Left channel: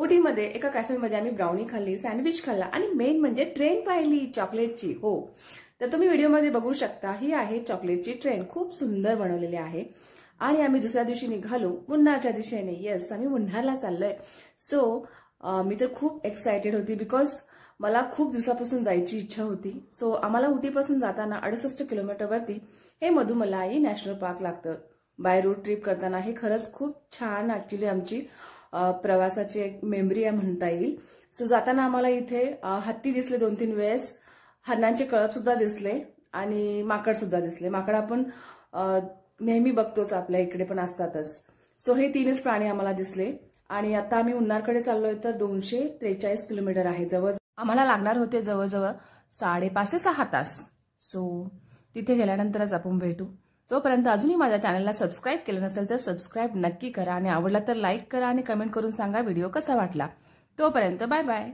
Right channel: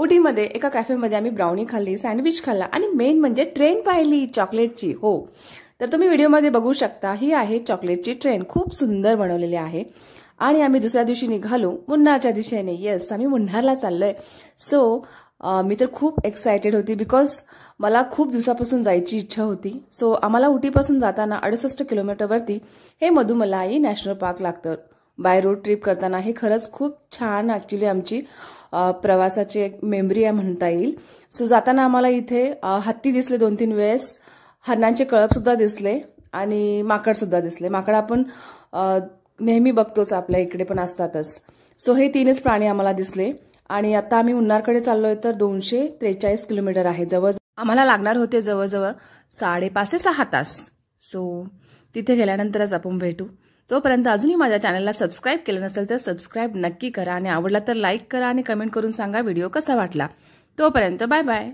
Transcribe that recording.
उटीमध्ये एका कॅफेमध्ये आम्ही ब्राउनी खाल्ली, सँडविच खाल्ला आणि मेन म्हणजे ट्रेन पाहिली चॉकलेटची. हो, तर तुम्ही व्हिडिओमध्ये बघू शकता. ही आहे चॉकलेटची ट्रेन, खूप सुंदर बनवलेली आहे. आणि आम्ही दुसऱ्या दिवशी निघालो मुन्नारच्या दिशेने. येस, आम्ही मुन्नारला चाललोय. सो मी तर खूप एक्सायटेड होती बिकॉज मला खूप दिवसापासून जायची इच्छा होती. सो आम्हाला उटीपासून जाताना 68 किलोमीटरवरती हे मधुमलाई नॅशनल पार्क लागतं. बाय रोड ट्रिप करताना हे खरंच खूप छान ॲक्च्युली आमची प्रवासाची एक मेमरी आहे म्हणता येईल. सो जाताना आम्हाला इथे हत्ती दिसले 2-3 वेळेस, हरणांचे कळप सुद्धा दिसले आणि माकड सुद्धा दिसले. माकड आपण नेहमी बघतोच, आपल्या इकडे पण असतातच. सो हे 3च प्राणी आम्हाला दिसले. आणि आता आम्ही मुन्नारकडे चाललोय तर 243 किलोमीटर आहे. जवळ आम्हाला लागणार होते जवळजवळ 5.5 ते 6 तास. सो तिथे गेल्यानंतरच आपण भेटू. तोपर्यंत अजूनही माझ्या चॅनलला सबस्क्राईब केलं नसेल तर सबस्क्राईब नक्की करा आणि आवडला तर लाईक करा आणि कमेंट करून सांगा व्हिडिओ कसा वाटला. तोपर्यंत बाय बाय.